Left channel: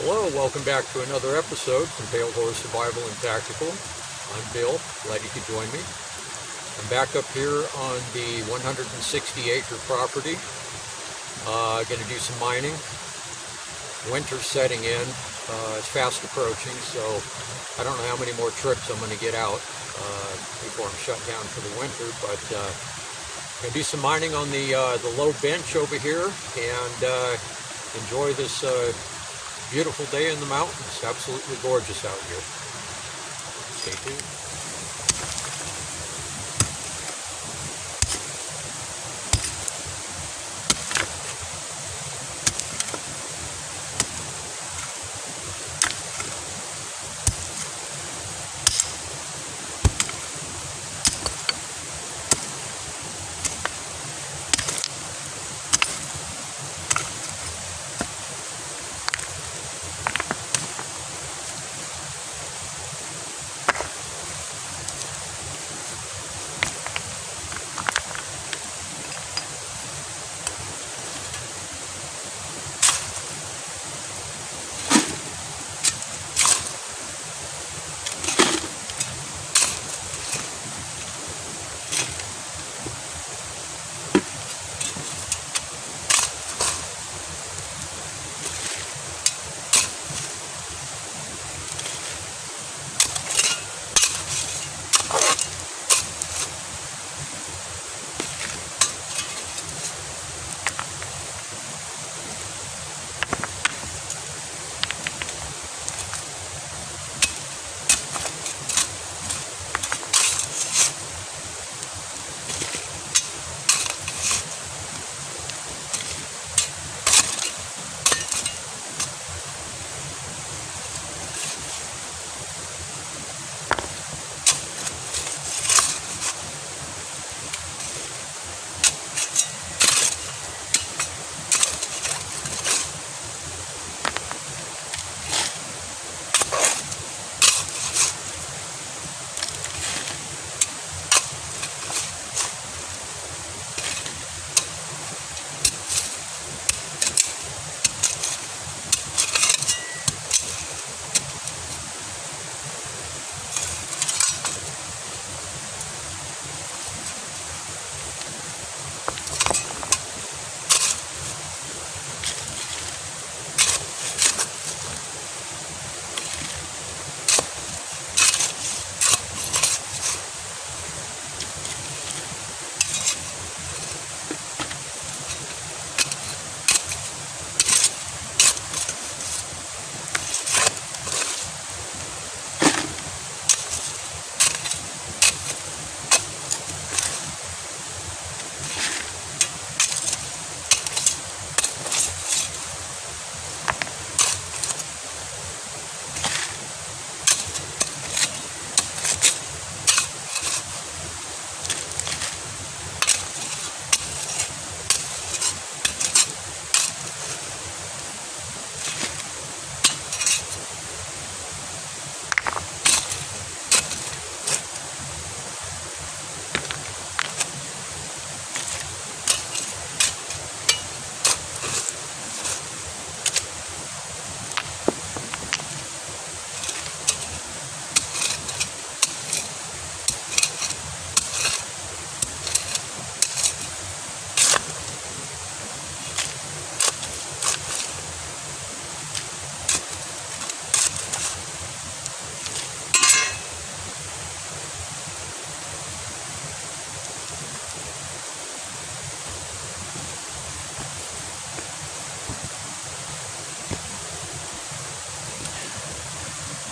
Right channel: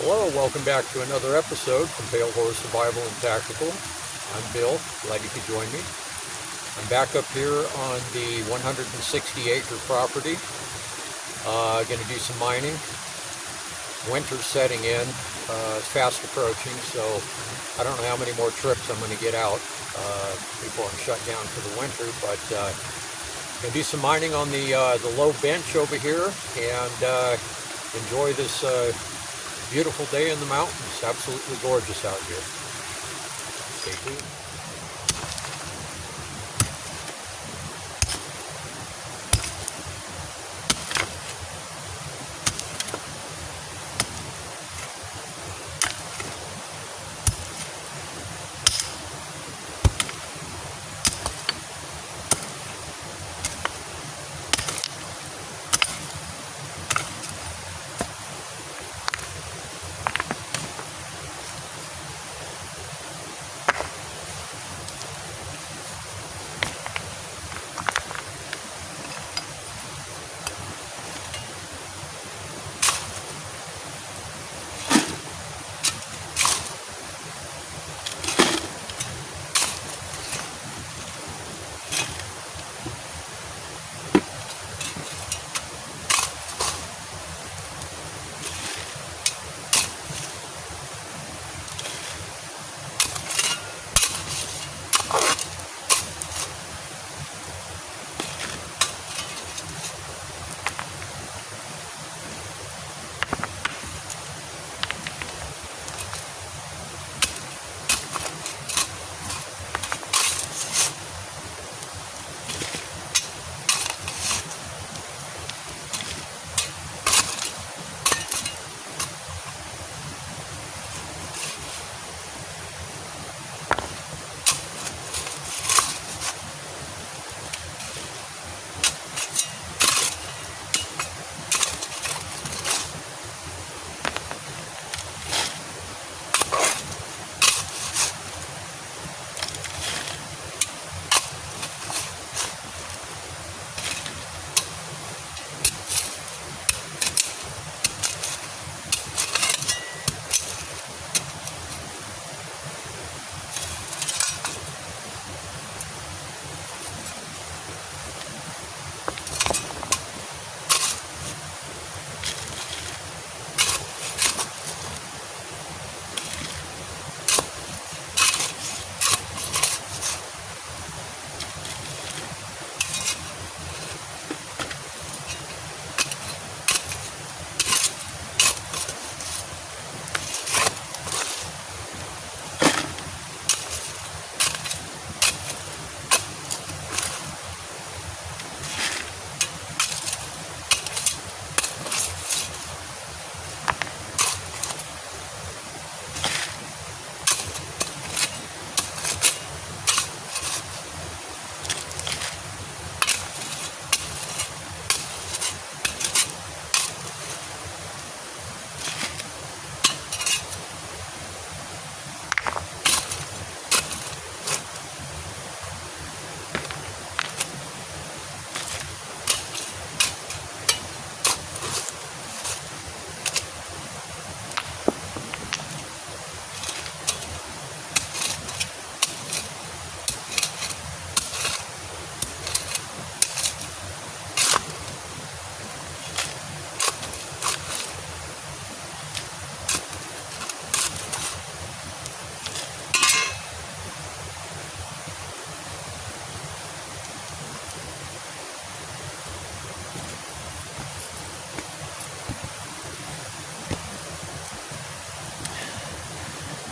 Hello, welcome back to another episode from Pale Horse Survival and Tactical. I'm Bill, glad you could join me. I'm back up here on the 160-acre property. Going to do some mining. Winter's setting in. It's fast approaching, so I don't know how many more trips I'm going to get out before I'm shut down for the winter, but going to do some mining on the low bench over here and enjoy this beautiful day in the mountains. Absolutely gorgeous out here. Stay tuned.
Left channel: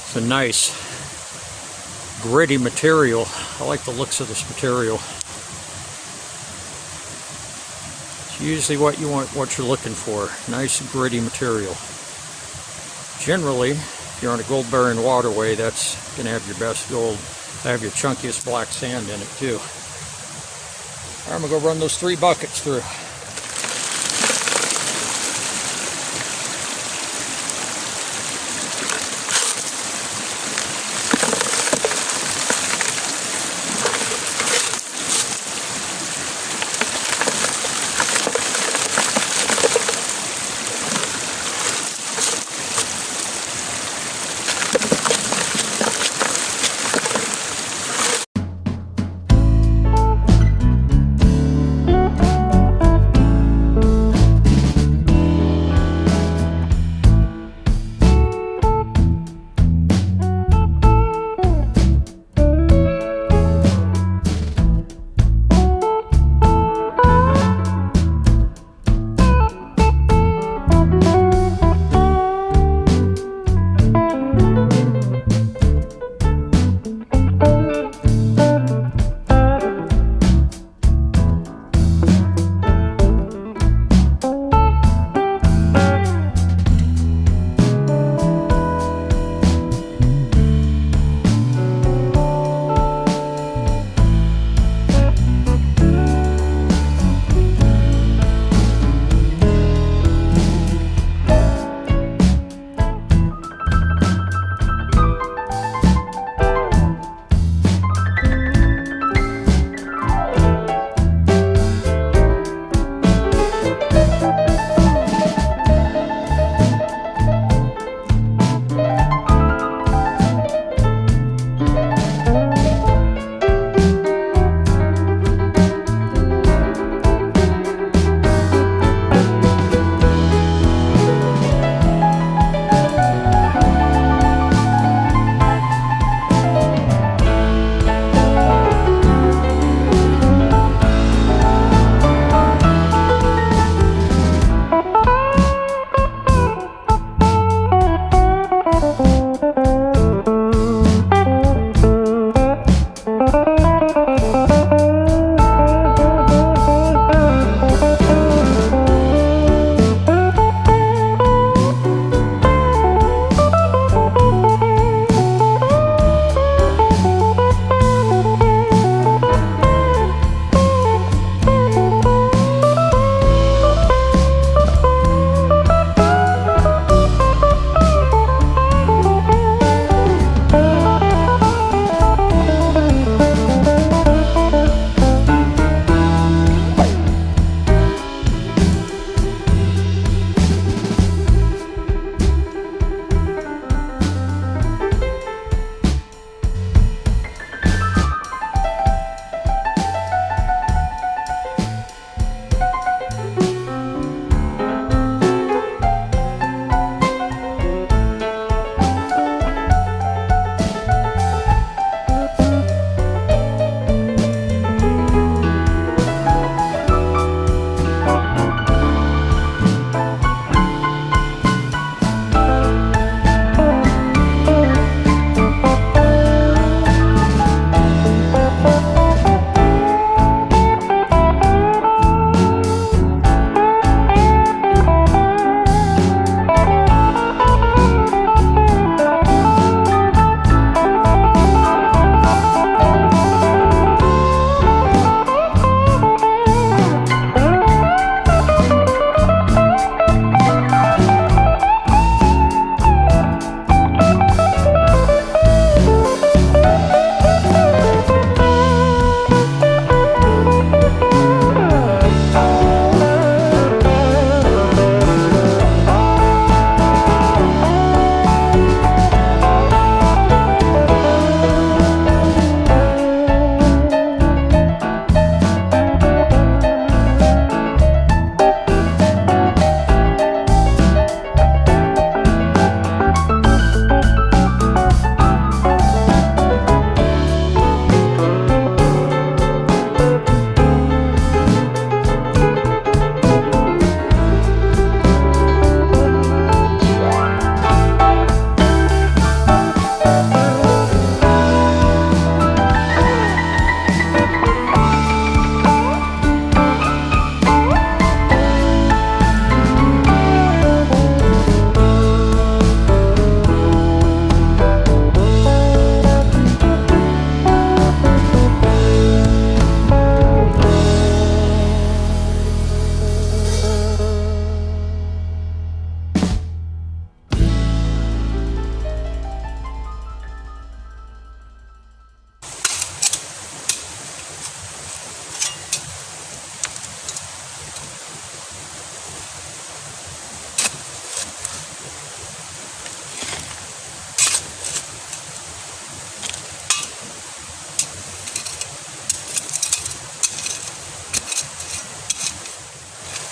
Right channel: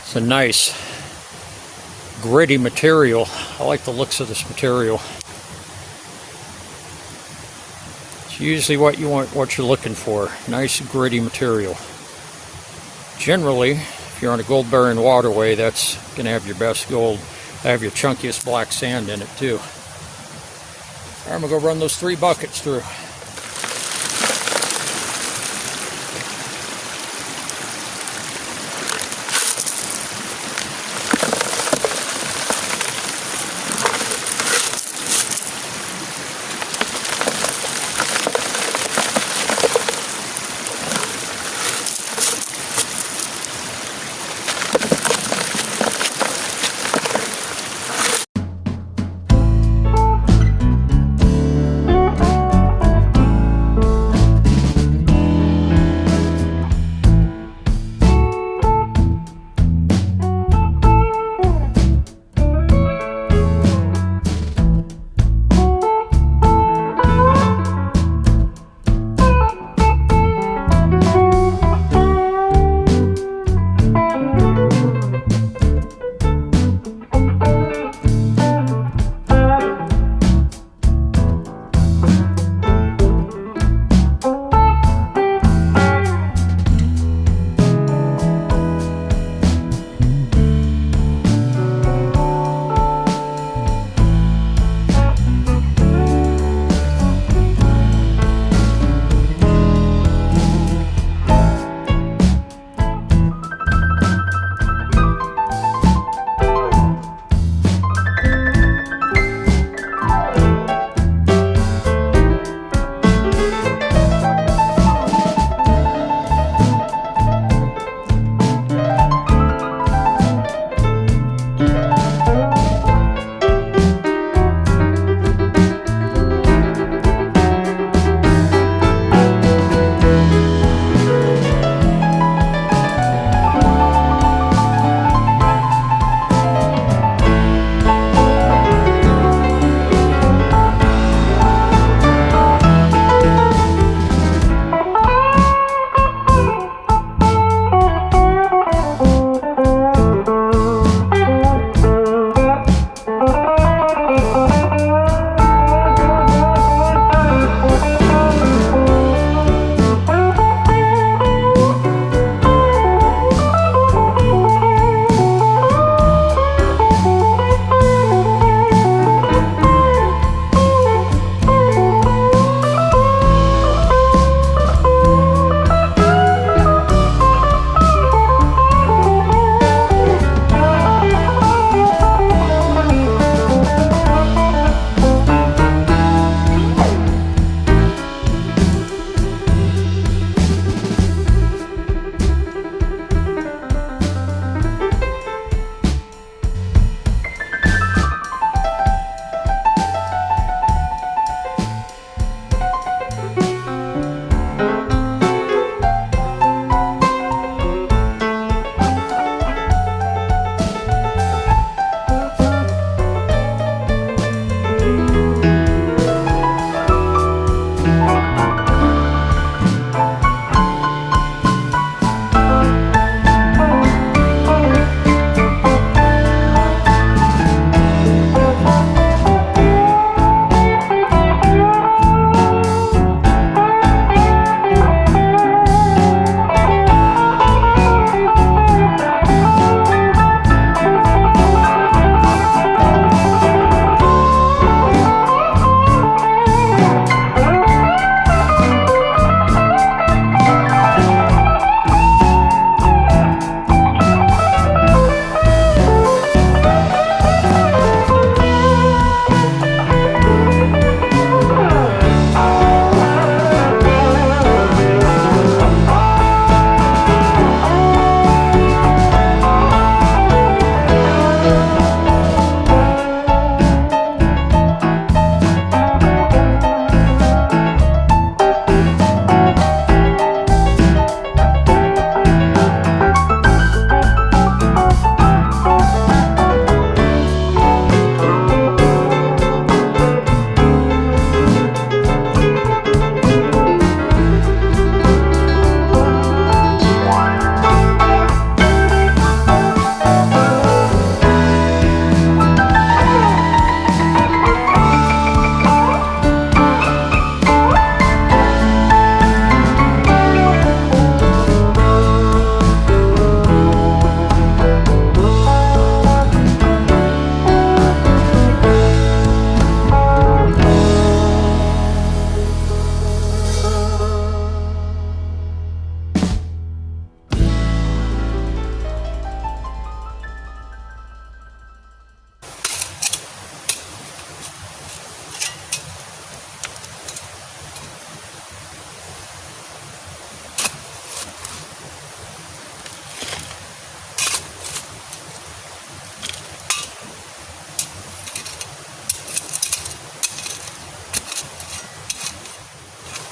It's a nice gritty material. I like the looks of this material. It's usually what you want, what you're looking for. Nice gritty material. Generally, if you're on a gold bearing waterway, that's going to have your best gold. Have your chunkiest black sand in it too. All right, I'm going to go run those 3 buckets through.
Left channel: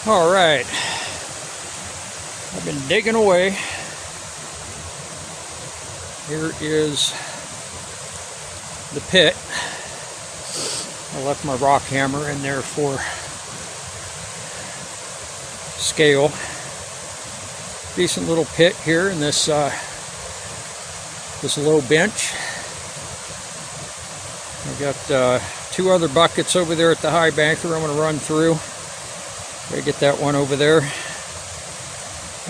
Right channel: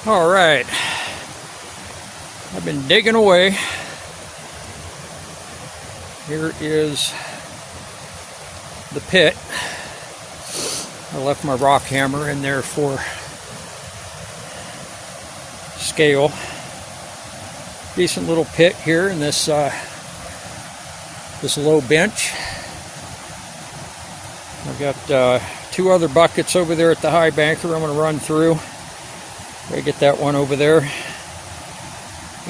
All right, I've been digging away. Here is the pit. I left my rock hammer in there for scale. Decent little pit here in this this low bench. I've got two other buckets over there at the high banker I'm going to run through. Gotta get that one over there.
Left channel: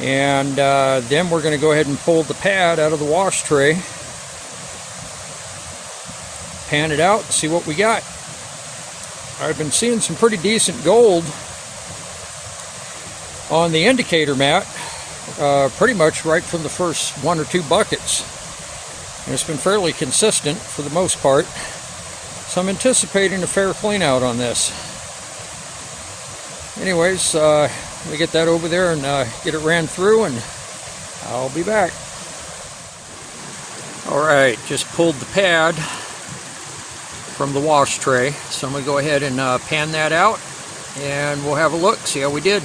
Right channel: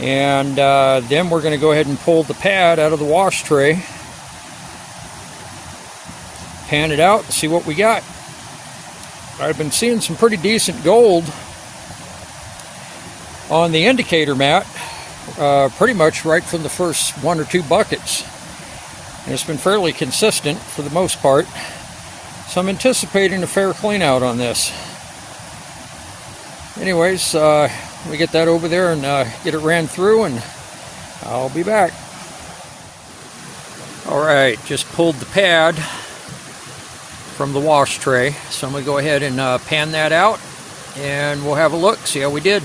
And then we're going to go ahead and pull the pad out of the wash tray. Pan it out and see what we got. I've been seeing some pretty decent gold on the indicator mat, pretty much right from the first one or two buckets. And it's been fairly consistent for the most part. So I'm anticipating a fair clean out on this. Anyways, we get that over there and get it ran through, and I'll be back. Alright, just pulled the pad from the wash tray. So I'm going to go ahead and pan that out, and we'll have a look, see how we did.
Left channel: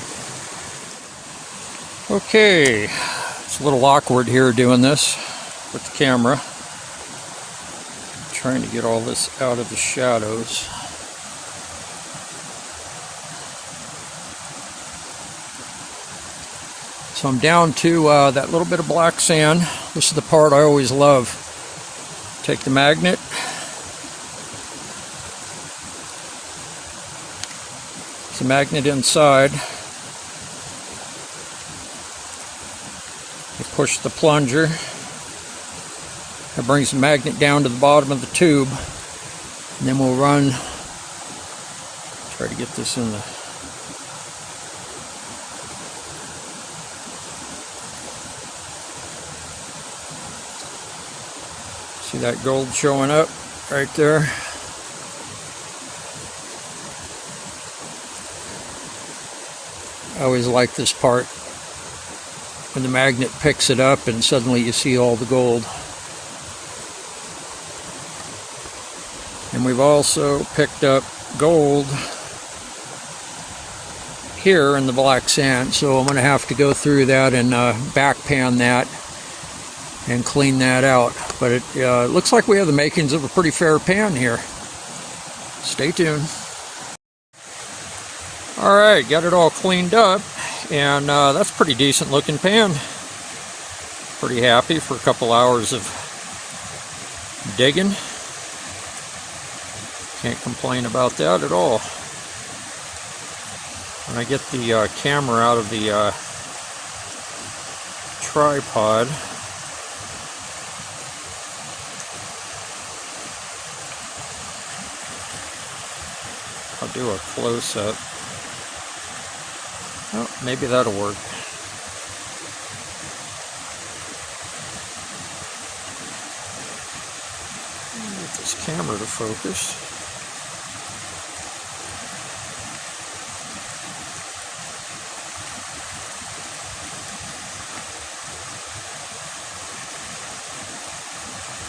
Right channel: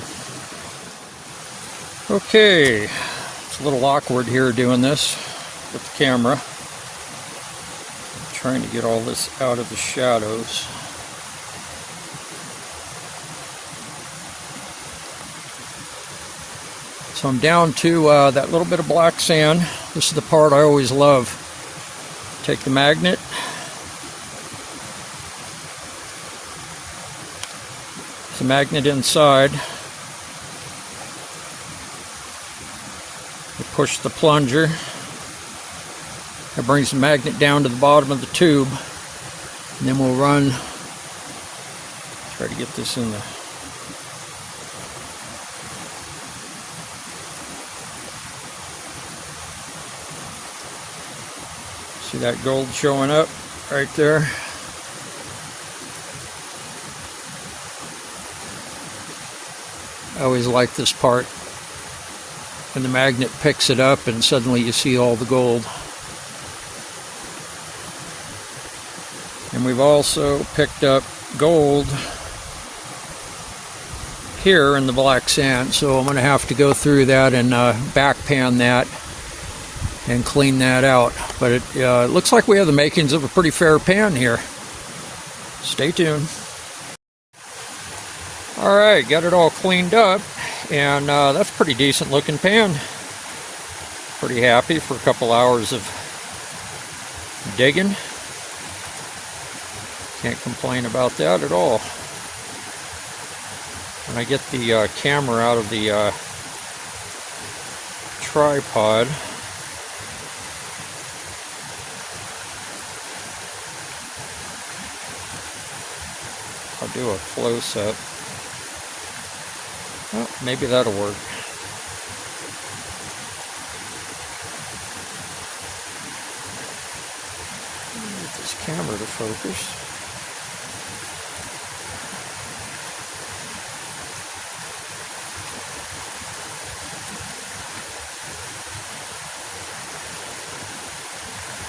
Okay, it's a little awkward here doing this with the camera. I'm trying to get all this out of the shadows. So I'm down to that little bit of black sand. This is the part I always love. Take the magnet. There's the magnet inside. You push the plunger. That brings the magnet down to the bottom of the tube. And then we'll run. Try to get this in the... See that gold showing up right there? I always like this part when the magnet picks it up and suddenly you see all the gold. And we've also picked up gold here in the black sand, so I'm going to have to go through that and back pan that and clean that out. But it looks like we have the makings of a pretty fair pan here. Stay tuned. Alright, got it all cleaned up, and that's a pretty decent looking pan. Pretty happy for a couple hours of digging. Can't complain about that at all. When I get the camera out of the tripod, I'll do a close-up. Oh, maybe that'll work. Get this camera to focus.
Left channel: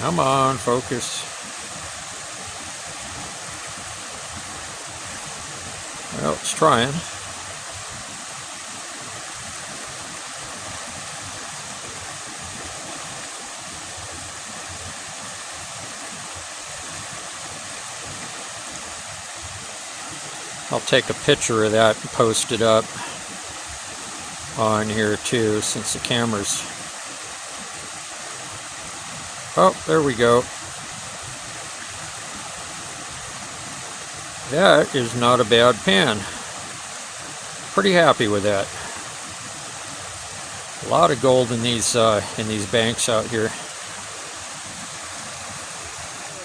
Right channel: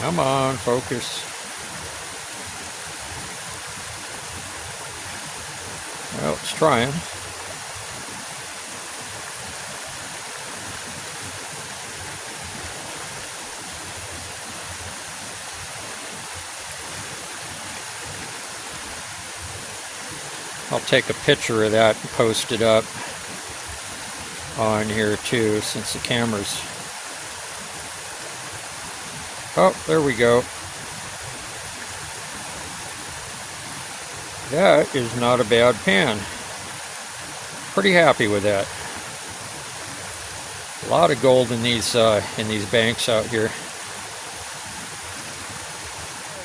Come on, focus. Well, it's trying. I'll take a picture of that and post it up on here too, since the camera's... Oh, there we go. That is not a bad pan. Pretty happy with that. A lot of gold in these banks out here. We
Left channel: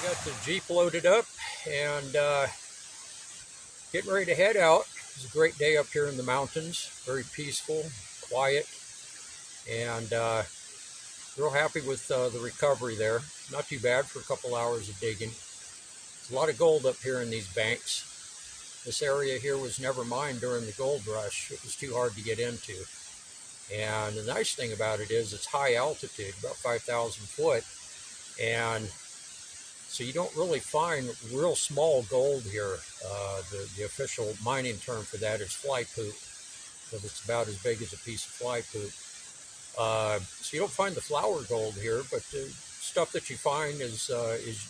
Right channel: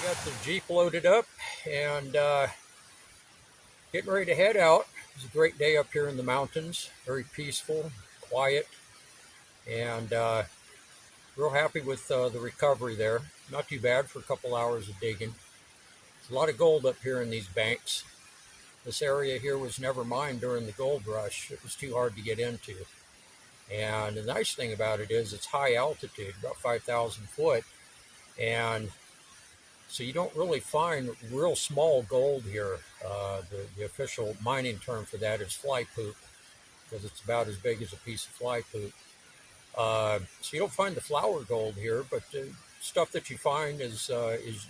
got the Jeep loaded up and getting ready to head out. It's a great day up here in the mountains. Very peaceful, quiet, and real happy with the recovery there. Not too bad for a couple hours of digging. There's a lot of gold up here in these banks. This area here was never mined during the gold rush. It was too hard to get into. And the nice thing about it is it's high altitude, about 5,000 foot. And so you don't really find real small gold here. The official mining term for that is fly poop. because it's about as big as a piece of fly poop. So you don't find the flower gold here, but stuff that you find is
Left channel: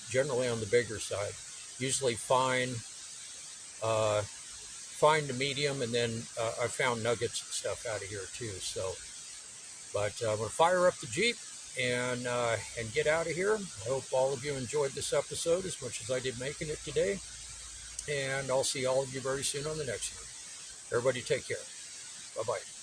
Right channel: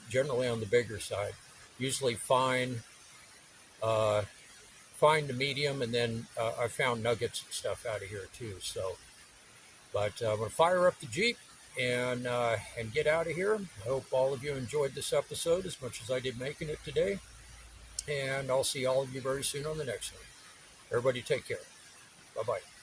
generally on the bigger side. Usually fine, fine to medium, and then I found nuggets and stuff out of here too. So, but I'm gonna fire up the Jeep and get out of here. I hope all of you enjoyed this episode as much as I did making it today. And I'll see all of you very soon on the next one. Everybody take care. Bye-bye.